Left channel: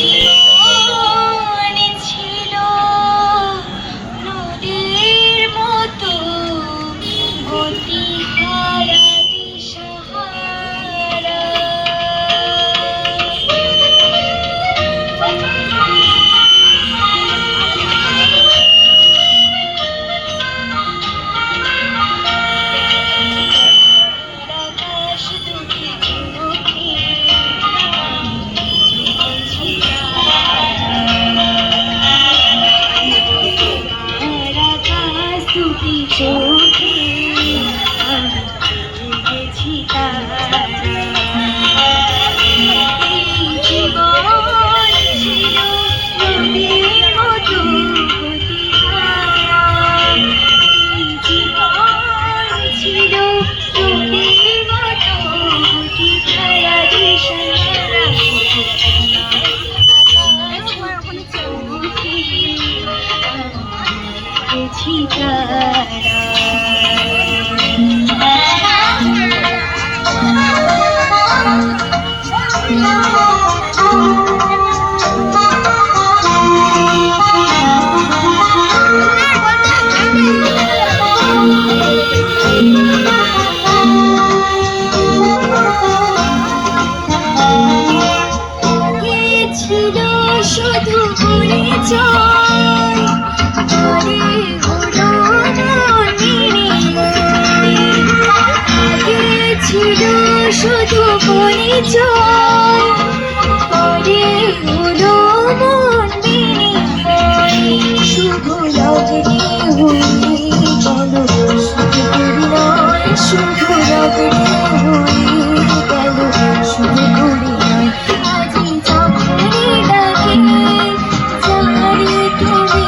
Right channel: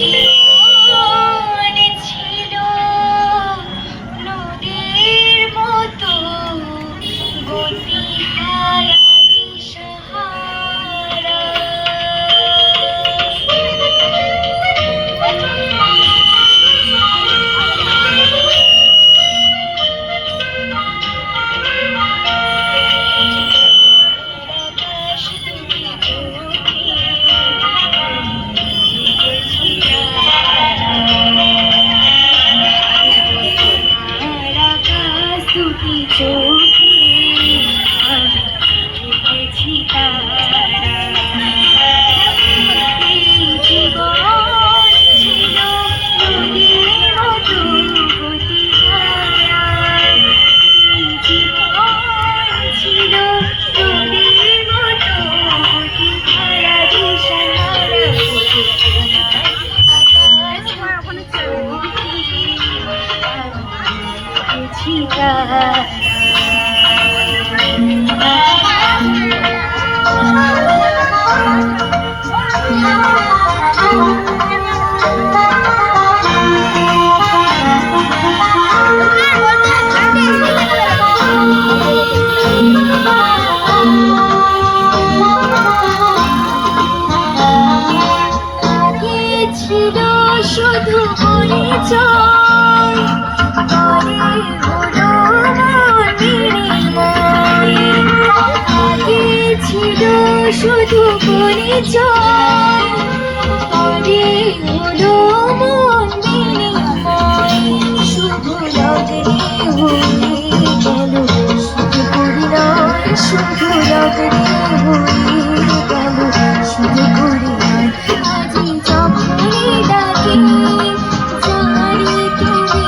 মনে ছিল নদীর মতো গতিহারা দিশাহারা। আকাশ দুটি চোখে দুটি চোখে আমি দেখেছি তারা। জীবন ছিল নদীর মতো গতিহারা। জীবন ছিল নদীর মতো গতিহারা দিশাহারা। ছিল শুধু পরিচয়, পরে হলো আগে ছিল শুধু পরিচয়, পরে হলো মন বিনিময়। শুভ লগ্নে হয়ে গেল শুধু পরিণয়, শুভ লগ্নে হয়ে গেল শুধু পরিণয়। আজি যখনই ডাকি জানি তুমি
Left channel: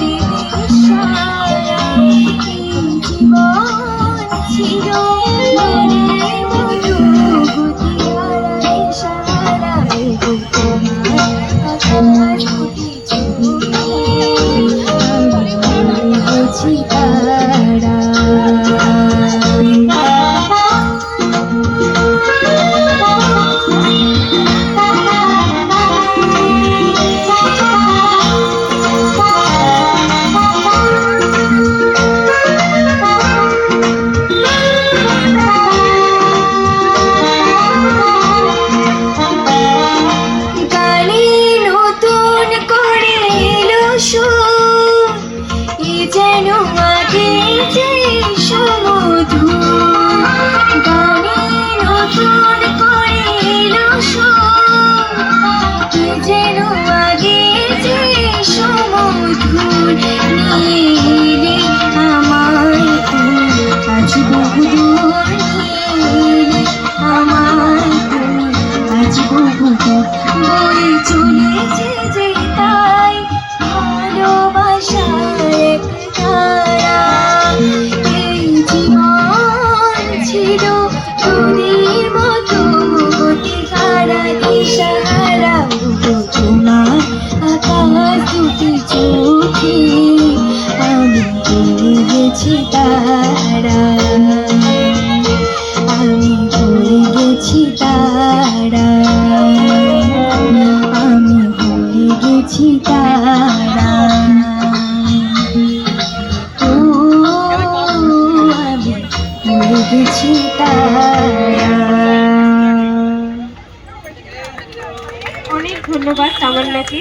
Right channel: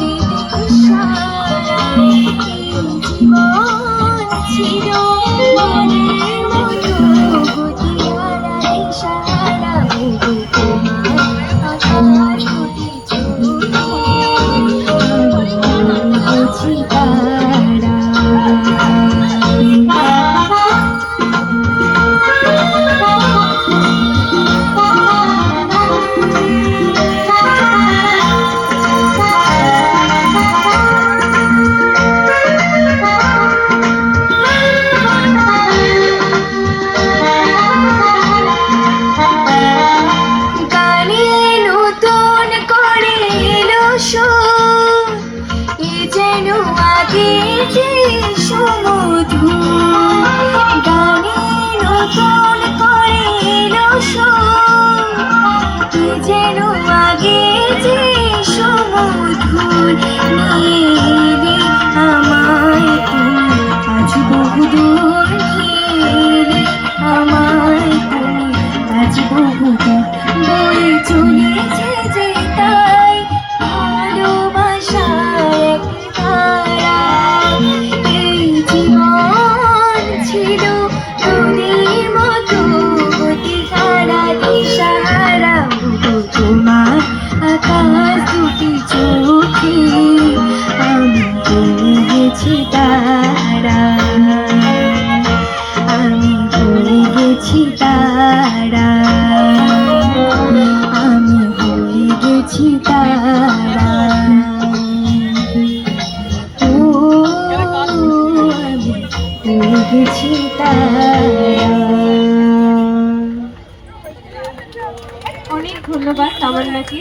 দেবে সারা। জীবন ছিল মনের মতো গতিহারা দিশাহারা। তোমার আকাশ দুটি চোখে আমি দেখেছি তারা। যেন আগের যে সমধু গানে নতুন করে এলো যেন আগের যে সমধু। নীলে আমায় তুমি আজ বহুদূর, নীলে আমায় তুমি আজ বহুদূর। বয়ে চলেছে যে তাই ভালোবাসার এক ধারা। এই জীবন ছিল নদীর মতো গতিহারা দিশাহারা। তোমার আকাশ দুটি চোখে আমি হয়ে গেছি তারা, আমি হয়ে গেছি তারা, আমি হয়ে গেছি তারা। আমি হয়ে গেছি তারা। অনেক ধন্যবাদ তামান্নাকে।